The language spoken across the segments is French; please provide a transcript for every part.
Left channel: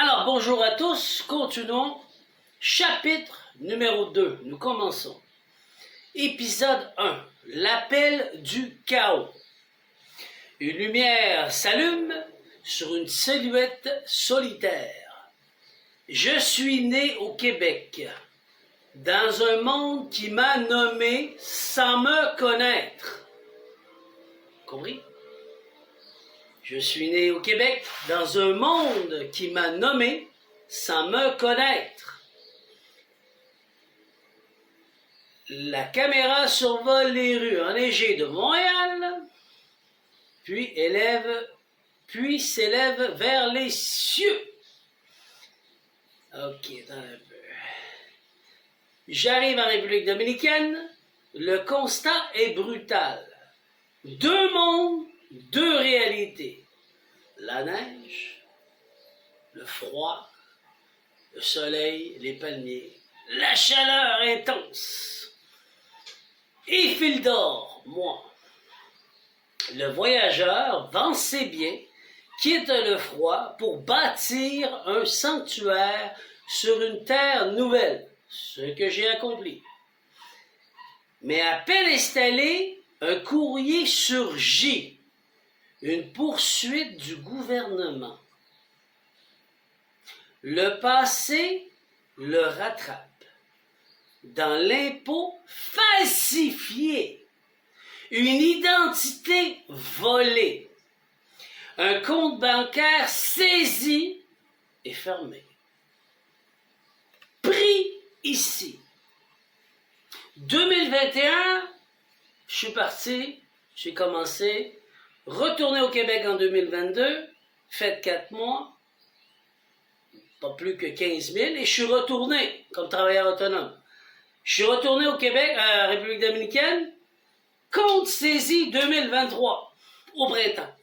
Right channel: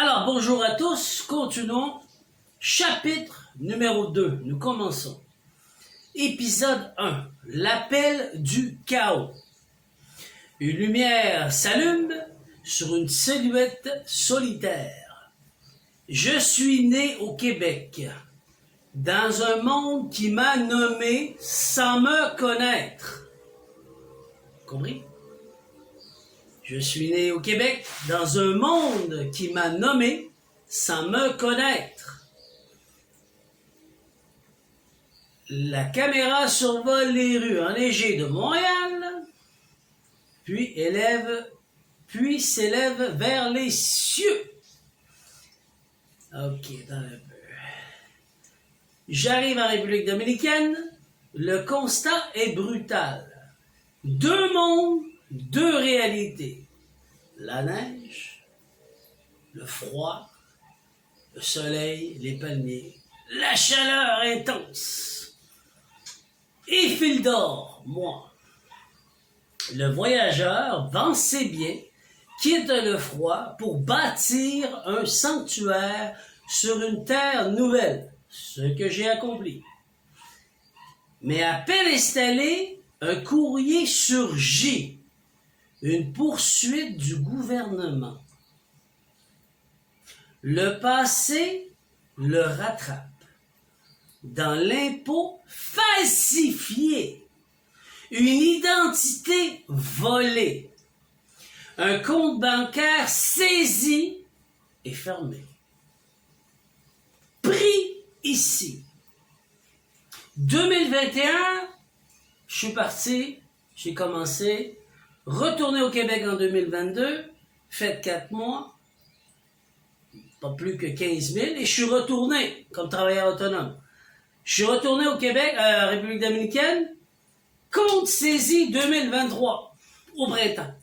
Alors, bonjour à tous, continuons. Chapitre numéro 2, nous commençons. Épisode 1, l'appel du chaos. Une lumière s'allume sur une silhouette solitaire. Je suis né au Québec, dans un monde qui m'a nommé sans me connaître. Compris? Je suis né au Québec, dans un monde qui m'a nommé sans me connaître. La caméra survole les rues enneigées de Montréal, puis s'élève vers les cieux. Ok, attends un peu. J'arrive en République dominicaine, le constat est brutal. Deux mondes, deux réalités. La neige, le froid, le soleil, les palmiers, la chaleur intense. Et fil d'or, moi. Le voyageur vend ses biens, quitte le froid pour bâtir un sanctuaire sur une terre nouvelle, ce que j'ai accompli. Mais à peine installé, un courrier surgit, une poursuite du gouvernement. Le passé le rattrape. Dans l'impôt falsifié, une identité volée, un compte bancaire saisi et fermé. Pris ici. 2021, je suis parti, j'ai commencé, retourné au Québec en 2022, fait 4 mois, pas plus que 15 000, et je suis retourné comme travailleur autonome. Je suis retourné au Québec, à République dominicaine, compte saisi 2023, au printemps.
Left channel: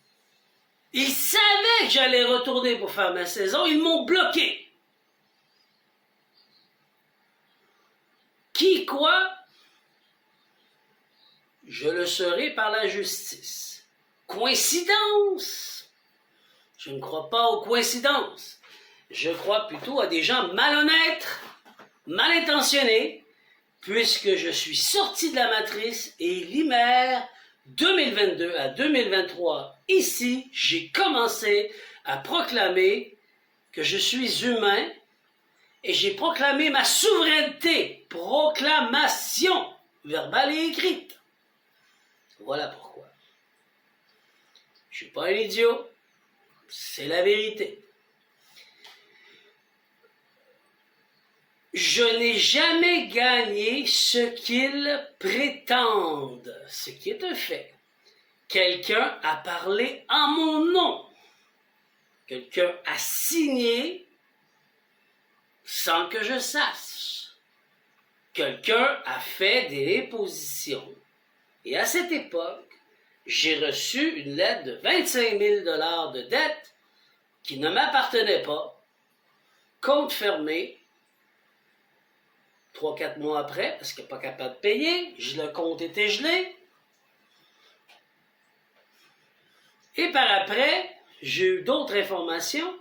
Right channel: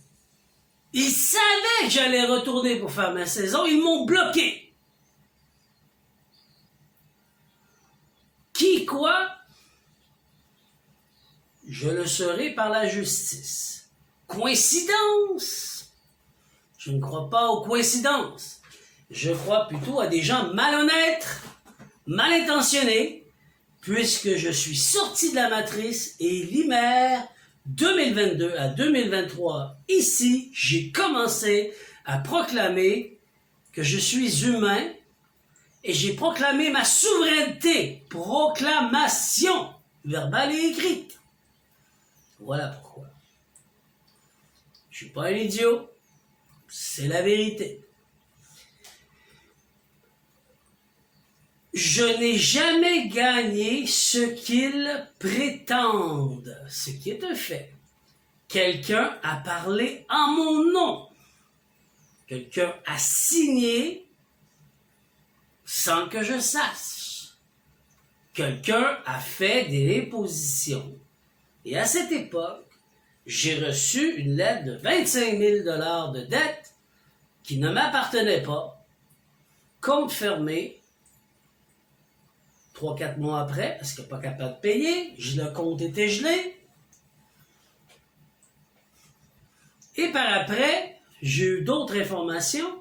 Ils savaient que j'allais retourner pour faire ma saison, ils m'ont bloqué. Qui, quoi? Je le serai par la justice. Coïncidence? Je ne crois pas aux coïncidences. Je crois plutôt à des gens malhonnêtes, mal intentionnés, puisque je suis sorti de la matrice et l'hiver 2022 à 2023, ici, j'ai commencé à proclamer que je suis humain et j'ai proclamé ma souveraineté. Proclamation verbale et écrite. Voilà pourquoi. Je suis pas un idiot. C'est la vérité. Je n'ai jamais gagné ce qu'ils prétendent, ce qui est un fait. Quelqu'un a parlé en mon nom. Quelqu'un a signé sans que je sache. Quelqu'un a fait des dépositions. Et à cette époque, j'ai reçu une lettre de 25 000 $ de dette qui ne m'appartenait pas, compte fermé. 3-4 mois après, parce qu'il n'est pas capable de payer, le compte était gelé. Et par après, j'ai eu d'autres informations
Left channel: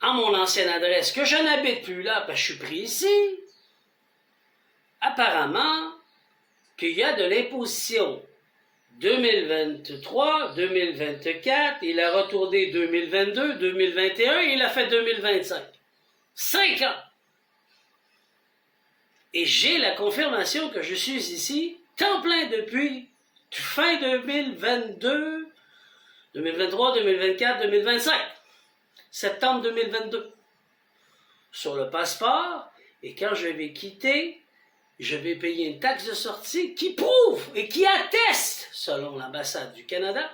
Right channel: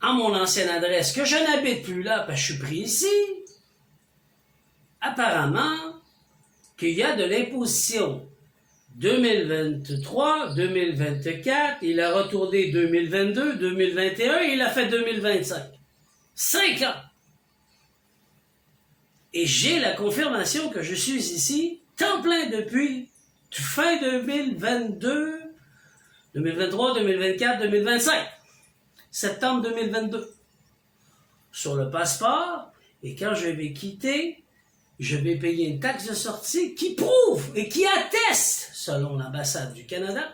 à mon ancienne adresse, que je n'habite plus là, parce que je suis pris ici. Apparemment, qu'il y a de l'imposition 2023, 2024, il a retourné 2022, 2021, et il a fait 2025. 5 ans! Et j'ai la confirmation que je suis ici, temps plein depuis fin 2022, 2023, 2024, 2025. Septembre 2022. Sur le passeport, et quand je vais quitter, je vais payer une taxe de sortie qui prouve et qui atteste, selon l'ambassade du Canada,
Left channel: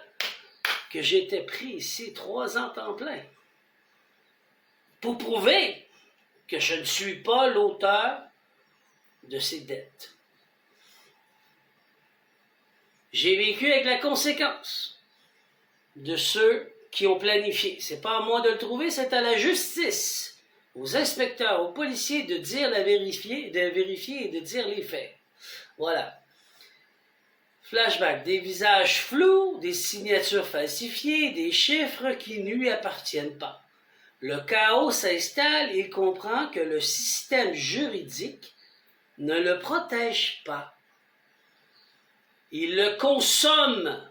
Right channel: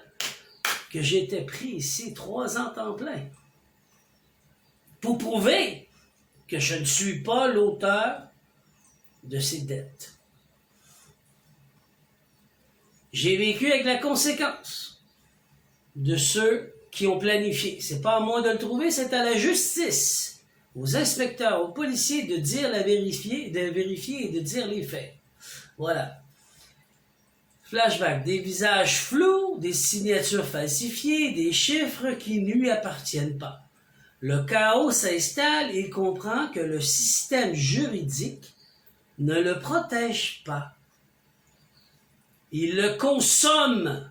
que j'étais pris ici 3 ans temps plein. Pour prouver que je ne suis pas l'auteur de ces dettes. J'ai vécu avec la conséquence de ceux qui ont planifié. C'est pas à moi de le trouver, c'est à la justice, aux inspecteurs, aux policiers de vérifier et de dire les faits. Voilà. Flashback, des visages flous, des signatures falsifiées, des chiffres qui ne lui appartiennent pas. le chaos s'installe, il comprend que le système juridique ne le protège pas. Il le consomme.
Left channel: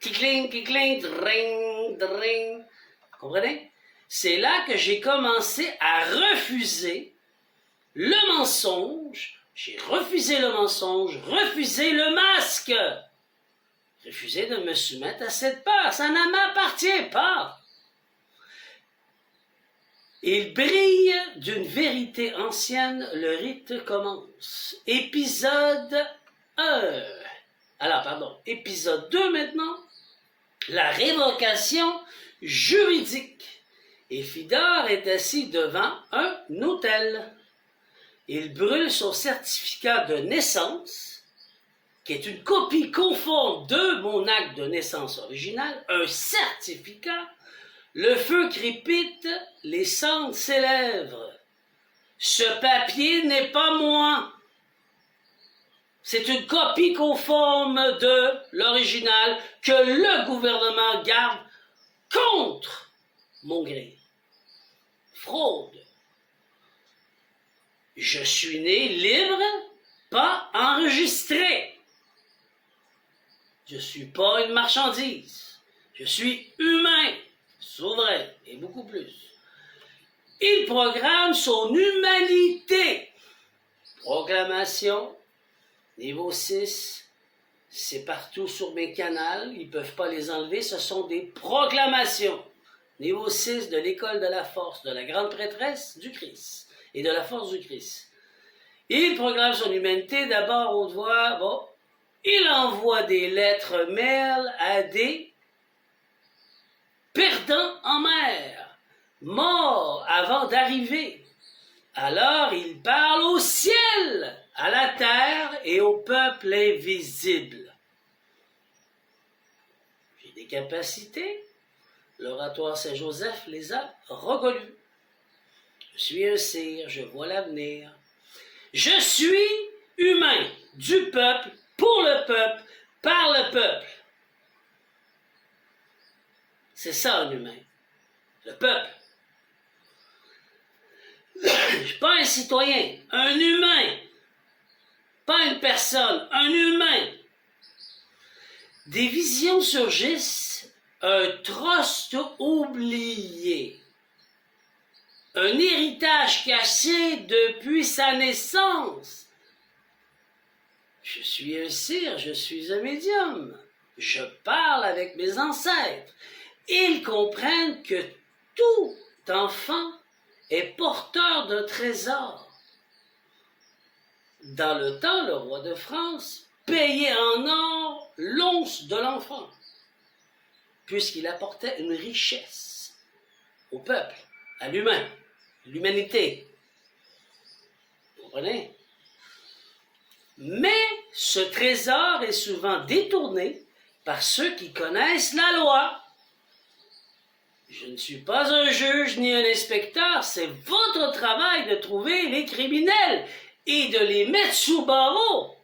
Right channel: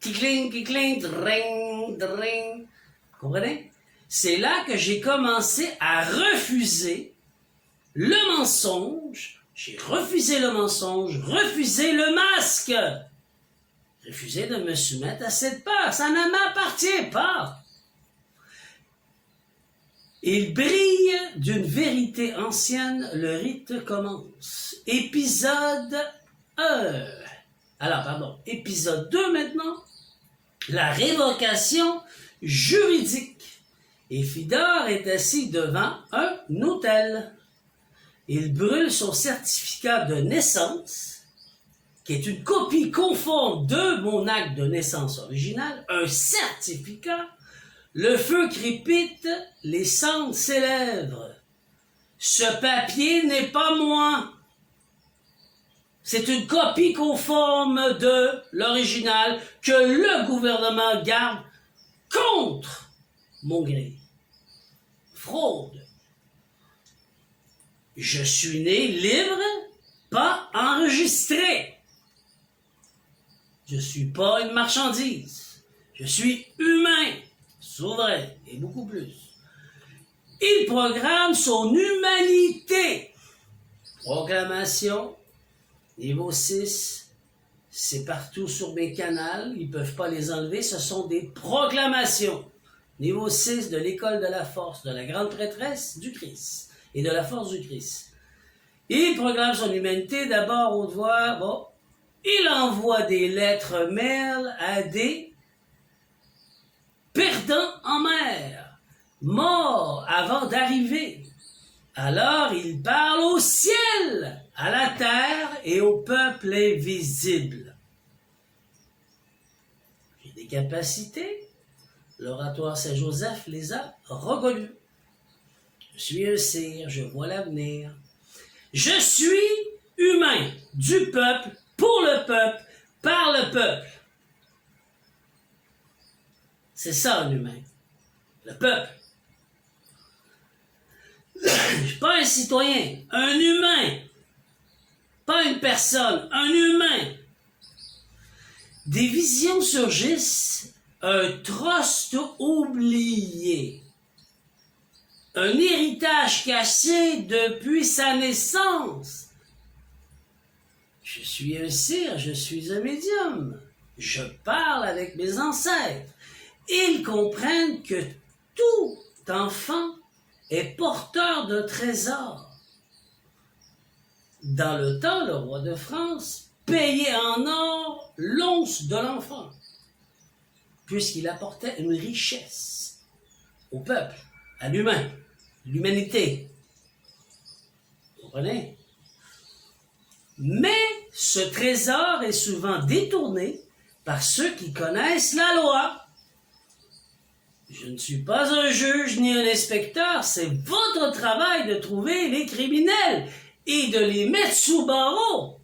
Kikling, kikling, dring, dring. Comprenez? C'est là que j'ai commencé à refuser le mensonge. J'ai refusé le mensonge, refusé le masque. Refusé de me soumettre à cette peur. Ça ne m'appartient pas. Il brille d'une vérité ancienne, le rite commence. Épisode 1. Alors, pardon, épisode 2 maintenant. La révocation juridique. Et Fidor est assis devant un autel. Il brûle son certificat de naissance, qui est une copie conforme de mon acte de naissance original, un certificat. Le feu crépite, les cendres s'élèvent. Ce papier n'est pas moi. C'est une copie conforme de l'original que le gouvernement garde contre mon gré. Fraude. Je suis né libre, pas enregistré. Je ne suis pas une marchandise. Je suis humain, souverain et beaucoup plus. Il programme son humanité. Proclamation. Niveau 6, c'est partout sur mes canaux, ils ne peuvent pas les enlever, ce sont des proclamations. Niveau 6 de l'école de la force, de la grande prêtresse du Christ et de la force du Christ. Il proclame son humanité d'abord au devoir, bon, il envoie des lettres mail à des perdants en mer, morts avant d'arriver. Alors il parle au ciel, à la terre et au peuple invisible. J'ai des capacités. L'oratoire Saint-Joseph les a reconnues. Je suis un sire, je vois l'avenir. Je suis humain, du peuple, pour le peuple, par le peuple. C'est ça un humain, le peuple. Je ne suis pas un citoyen, un humain. Pas une personne, un humain. Des visions surgissent, un trust oublié. Un héritage caché depuis sa naissance. Je suis un sire, je suis un médium. Je parle avec mes ancêtres. Ils comprennent que tout enfant est porteur d'un trésor. Dans le temps, le roi de France payait en or l'once de l'enfant, puisqu'il apportait une richesse au peuple, à l'humain, l'humanité. Vous comprenez? Mais ce trésor est souvent détourné par ceux qui connaissent la loi. Je ne suis pas un juge ni un inspecteur, c'est votre travail de trouver les criminels et de les mettre sous barreau,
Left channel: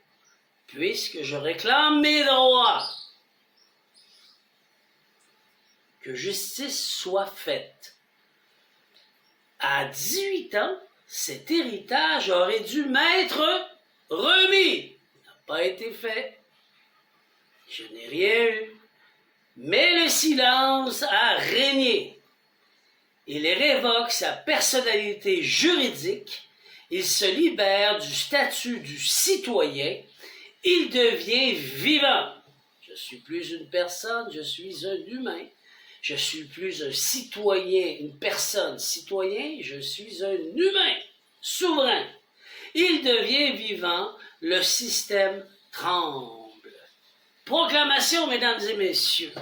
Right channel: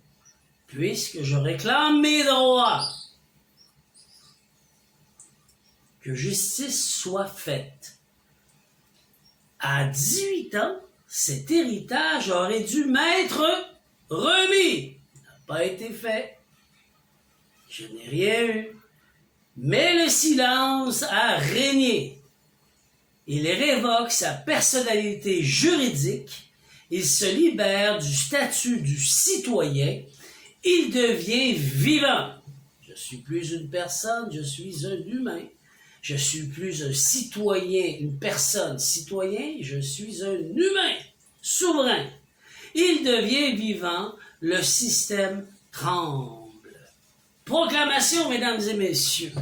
puisque je réclame mes droits. Que justice soit faite. À 18 ans, cet héritage aurait dû m'être remis. Il n'a pas été fait. Je n'ai rien eu. Mais le silence a régné. Il révoque sa personnalité juridique. Il se libère du statut du citoyen. Il devient vivant. Je suis plus une personne, je suis un humain. Je suis plus un citoyen, une personne citoyen, je suis un humain souverain. Il devient vivant, le système tremble. Proclamation, mesdames et messieurs.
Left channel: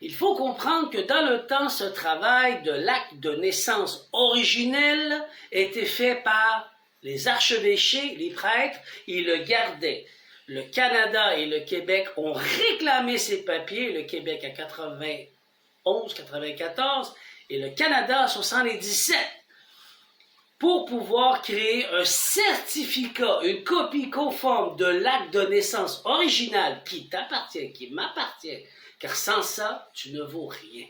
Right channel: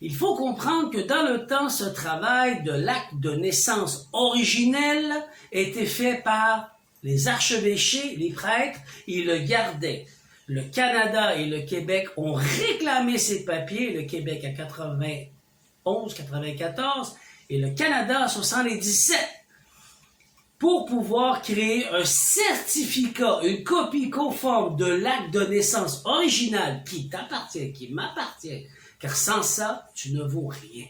Il faut comprendre que dans le temps, ce travail de l'acte de naissance originel était fait par les archevêchés, les prêtres, ils le gardaient. Le Canada et le Québec ont réclamé ces papiers, le Québec à 91, 94 et le Canada à 77, pour pouvoir créer un certificat, une copie conforme de l'acte de naissance original qui t'appartient, qui m'appartient, car sans ça, tu ne vaux rien.